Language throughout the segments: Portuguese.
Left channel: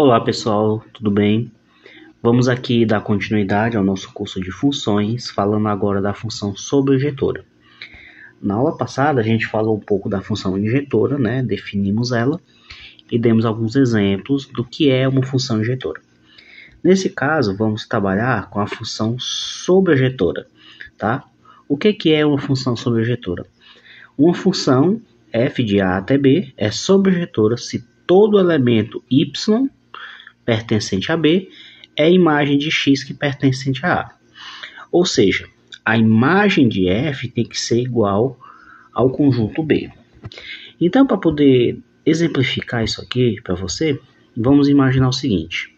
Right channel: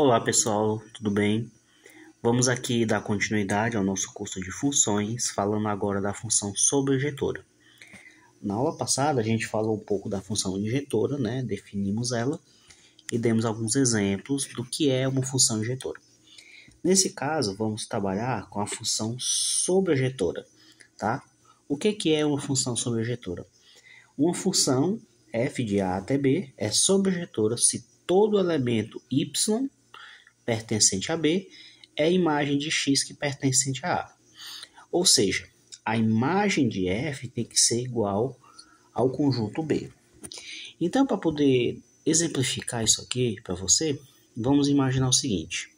Olá pessoal, tudo bem? Vamos aqui dar continuidade ao nosso curso de funções, falando agora da função sobrejetora. Na aula passada a gente falou um pouco da função injetora, né? Definimos ela e demos alguns exemplos do que é uma função injetora. Nesse caso, vamos trabalhar com a função sobrejetora, tá? O que é uma função sobrejetora? Uma função f de a até b é sobrejetora se todo elemento y pertencente a B é a imagem de X que pertencente a A. Ou seja, a imagem de F tem que ser igual ao conjunto B. Então, para poder exemplificar isso aqui para você, vamos imaginar o seguinte.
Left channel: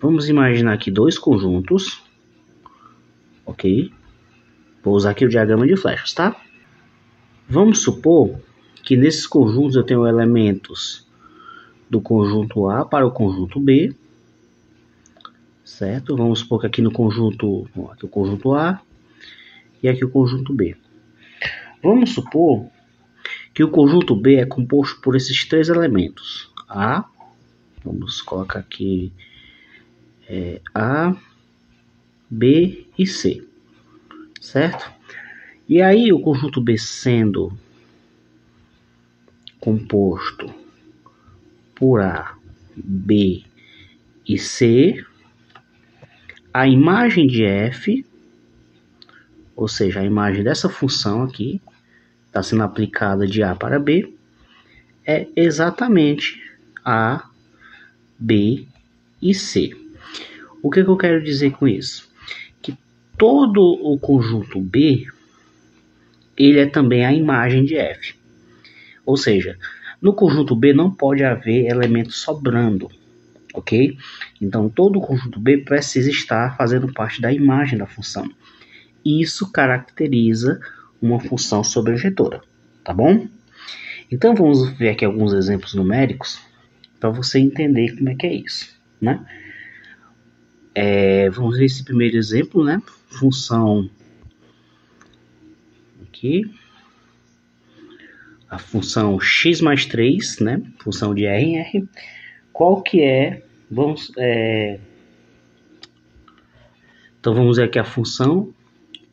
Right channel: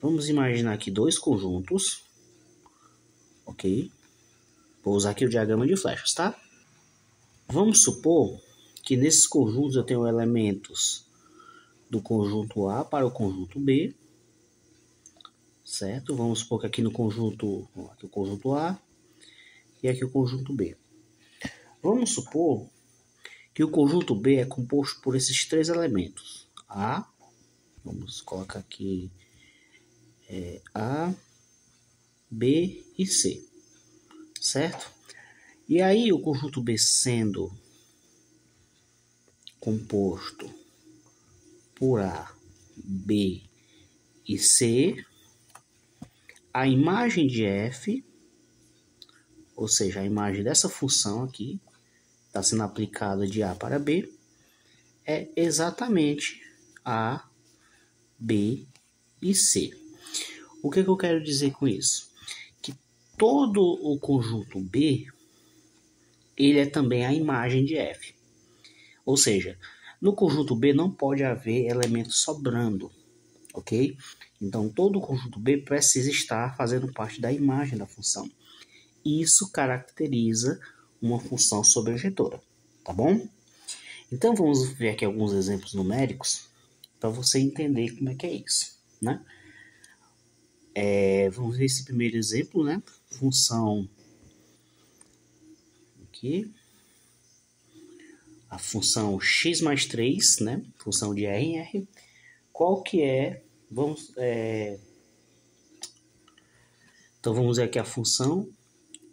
Vamos imaginar aqui dois conjuntos, ok? Vou usar aqui o diagrama de flechas, tá? Vamos supor que nesses conjuntos eu tenho elementos do conjunto A para o conjunto B, certo? Vamos supor que aqui no conjunto, aqui o conjunto A e aqui o conjunto B. Vamos supor que o conjunto B é composto por esses três elementos. A, vamos colocar aqui A, B e C, certo? E aí o conjunto B sendo composto por A, B e C, a imagem de F, ou seja, a imagem dessa função aqui, está sendo aplicada de A para B, é exatamente A, B e C. O que eu quero dizer com isso? Que todo o conjunto B, ele é também a imagem de F. Ou seja, no conjunto B não pode haver elemento sobrando, ok? Então, todo o conjunto B precisa estar fazendo parte da imagem da função. Isso caracteriza uma função sobrejetora, tá bom? Então, vamos ver aqui alguns exemplos numéricos para você entender como é que é isso, né? Vamos ver esse primeiro exemplo, né? Função aqui, a função x mais 3, né? Função de R em R. Qual que é? Então, vamos ver aqui a função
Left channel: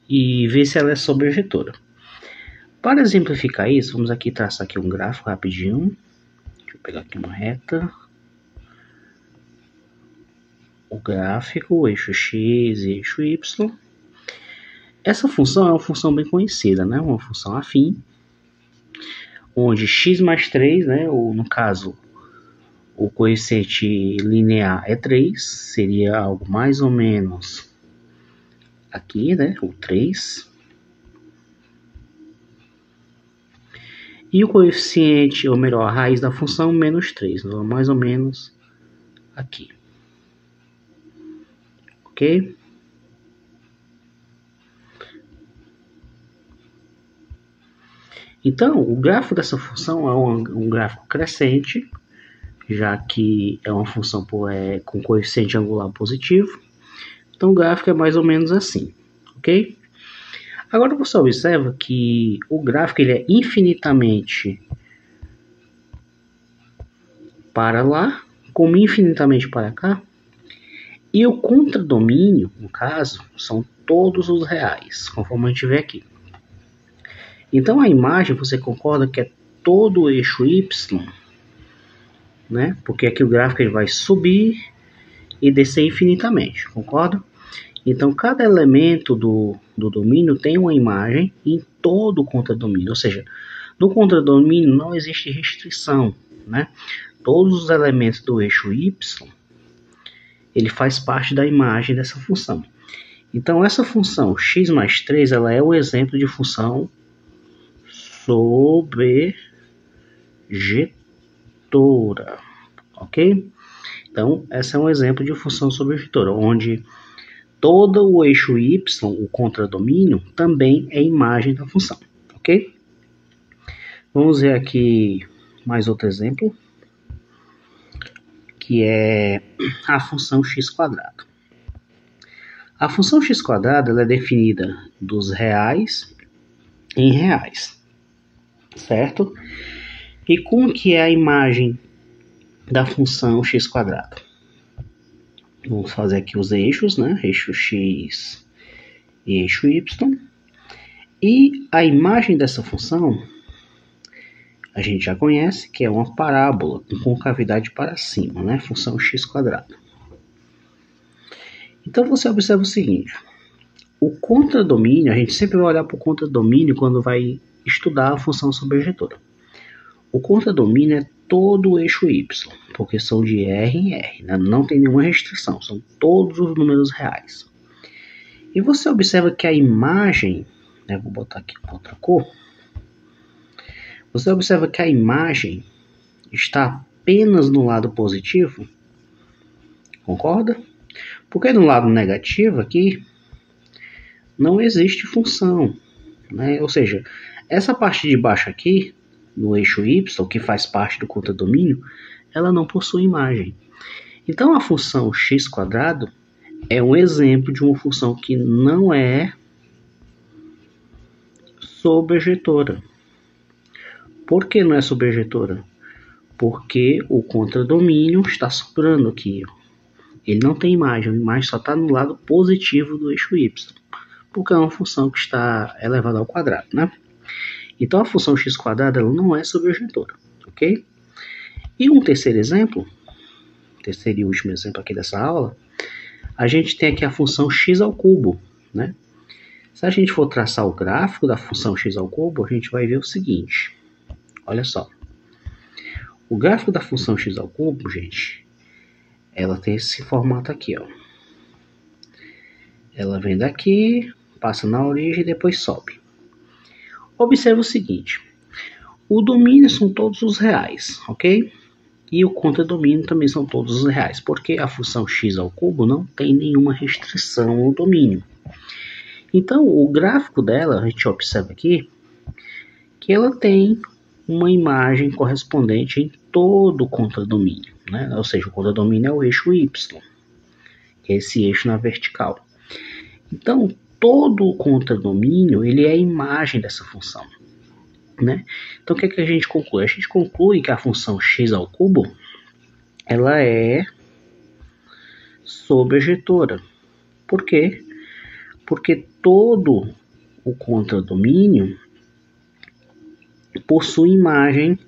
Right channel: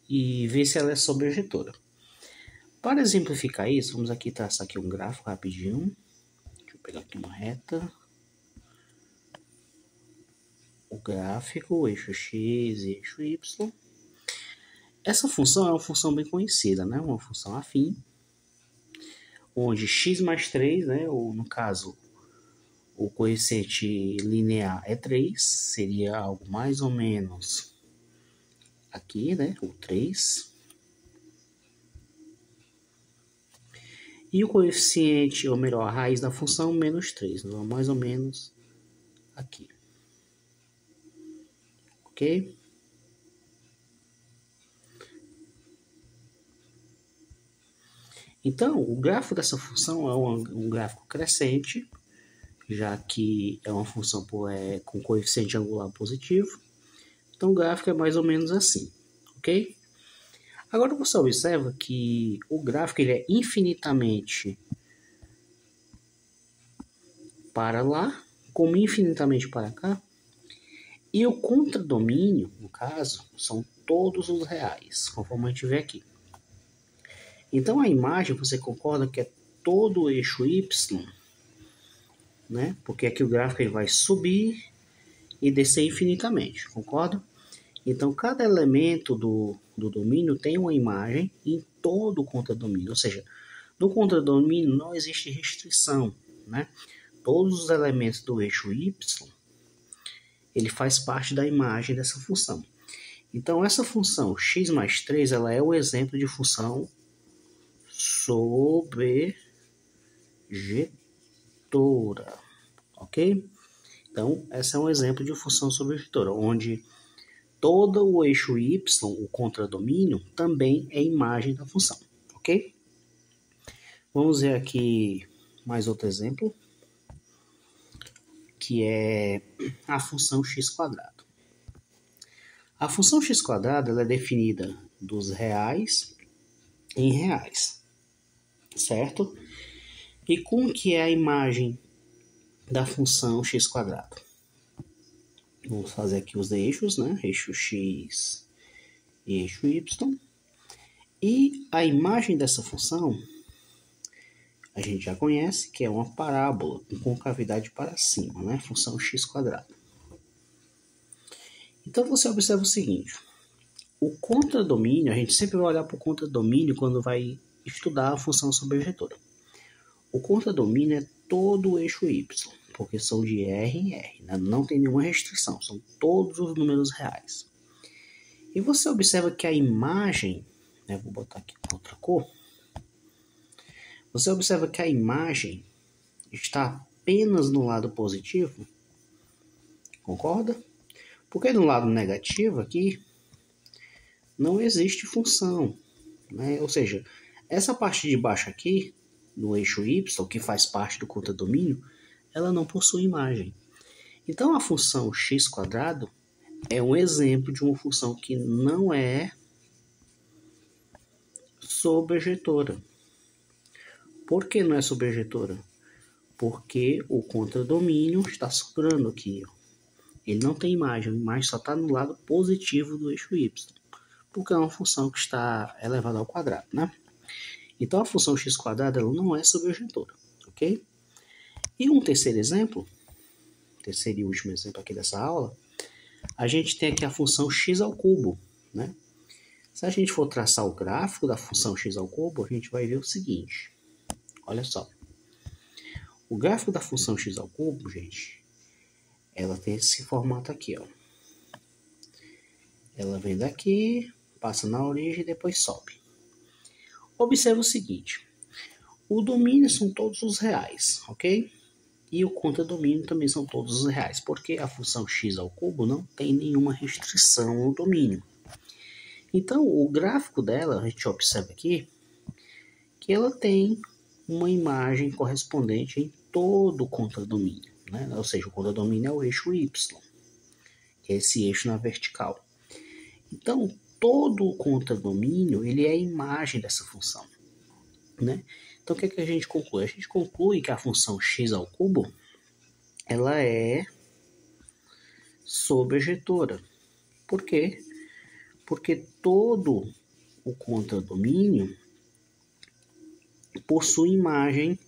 e ver se ela é sobrejetora. Para exemplificar isso, vamos aqui traçar aqui um gráfico rapidinho. Deixa eu pegar aqui uma reta. O gráfico, o eixo X e eixo Y. Essa função é uma função bem conhecida, né? Uma função afim, onde x mais 3, né? Ou no caso, o coeficiente linear é 3, seria algo mais ou menos aqui, né? O 3. E o coeficiente, ou melhor, a raiz da função, menos 3, então, mais ou menos aqui. Ok? Então, o gráfico dessa função é um gráfico crescente, já que é uma função com coeficiente angular positivo. Então, o gráfico é mais ou menos assim, ok? Agora, você observa que o gráfico ele é infinitamente para lá, como infinitamente para cá. E o contradomínio, no caso, são todos os reais, conforme a gente vê aqui. Então, a imagem, você concorda que é todo o eixo Y, né? Porque aqui o gráfico ele vai subir e descer infinitamente, concorda? Então, cada elemento do domínio tem uma imagem em todo o contradomínio. Ou seja, no contradomínio não existe restrição, né? Todos os elementos do eixo Y, ele faz parte da imagem dessa função. Então, essa função x mais 3, ela é um exemplo de função sobrejetora, ok? Então, esse é um exemplo de função sobrejetora, onde todo o eixo y, o contradomínio, também é imagem da função, ok? Vamos ver aqui mais outro exemplo, que é a função x². A função x² ela é definida dos reais em reais, certo? E como que é a imagem da função x². Vamos fazer aqui os eixos, né? Eixo x e eixo y. E a imagem dessa função a gente já conhece, que é uma parábola com concavidade para cima, né? Função x². Então você observa o seguinte: o contradomínio, a gente sempre vai olhar para o contradomínio quando vai estudar a função sobrejetora. O contradomínio é todo o eixo y, porque são de R em R, né? Não tem nenhuma restrição, são todos os números reais. E você observa que a imagem, né, vou botar aqui com outra cor, você observa que a imagem está apenas no lado positivo, concorda? Porque no lado negativo aqui não existe função, né? Ou seja, essa parte de baixo aqui, no eixo y, que faz parte do contradomínio, ela não possui imagem. Então a função x² é um exemplo de uma função que não é sobrejetora. Por que não é sobrejetora? Porque o contradomínio está sobrando aqui. Ele não tem imagem, a imagem só está no lado positivo do eixo y, porque é uma função que está elevada ao quadrado, né? Então a função x² ela não é sobrejetora, ok? E um terceiro exemplo, terceiro e último exemplo aqui dessa aula, a gente tem aqui a função x², né? Se a gente for traçar o gráfico da função x², a gente vai ver o seguinte, olha só. O gráfico da função x², gente, ela tem esse formato aqui, ó. Ela vem daqui, passa na origem e depois sobe. Observe o seguinte, o domínio são todos os reais, ok? E o contradomínio também são todos os reais, porque a função x² não tem nenhuma restrição no domínio. Então, o gráfico dela, a gente observa aqui, que ela tem uma imagem correspondente em todo o contradomínio, né? Ou seja, o contradomínio é o eixo y, que é esse eixo na vertical. Então, todo o contradomínio, ele é a imagem dessa função, né? Então, o que é que a gente conclui? A gente conclui que a função x², ela é sobrejetora. Por quê? Porque todo o contradomínio possui imagem,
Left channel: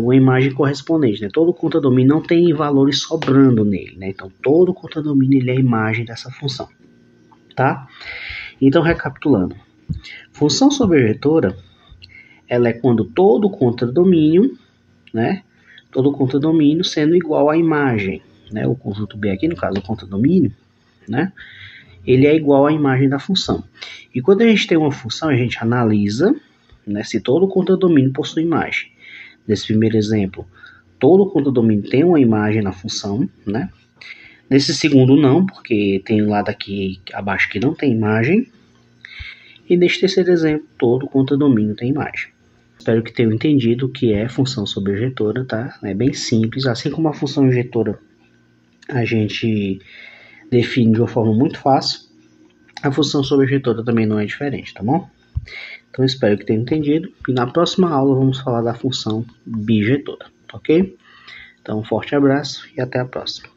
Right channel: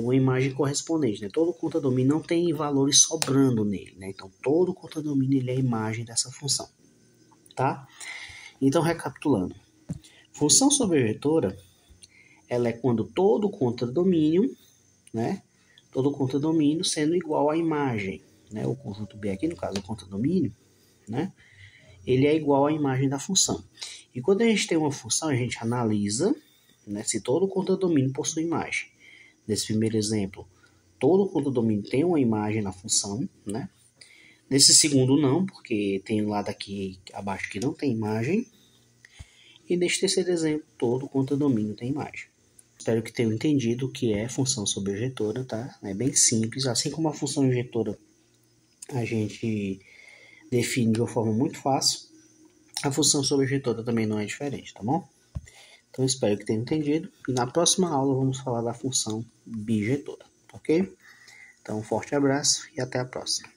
uma imagem correspondente, né? Todo contradomínio não tem valores sobrando nele, né? Então, todo contradomínio ele é a imagem dessa função, tá? Então, recapitulando, função sobrejetora, ela é quando todo contradomínio, né? Todo contradomínio sendo igual à imagem, né? O conjunto B aqui, no caso, o contradomínio, né? Ele é igual à imagem da função. E quando a gente tem uma função, a gente analisa, né, se todo o contradomínio possui imagem. Nesse primeiro exemplo, todo o contradomínio tem uma imagem na função, né? Nesse segundo não, porque tem um lado aqui abaixo que não tem imagem. E neste terceiro exemplo, todo o contradomínio tem imagem. Espero que tenham entendido o que é função sobrejetora, tá? É bem simples, assim como a função injetora a gente define de uma forma muito fácil, a função sobrejetora também não é diferente, tá bom? Então espero que tenham entendido e na próxima aula vamos falar da função bijetora, ok? Então um forte abraço e até a próxima.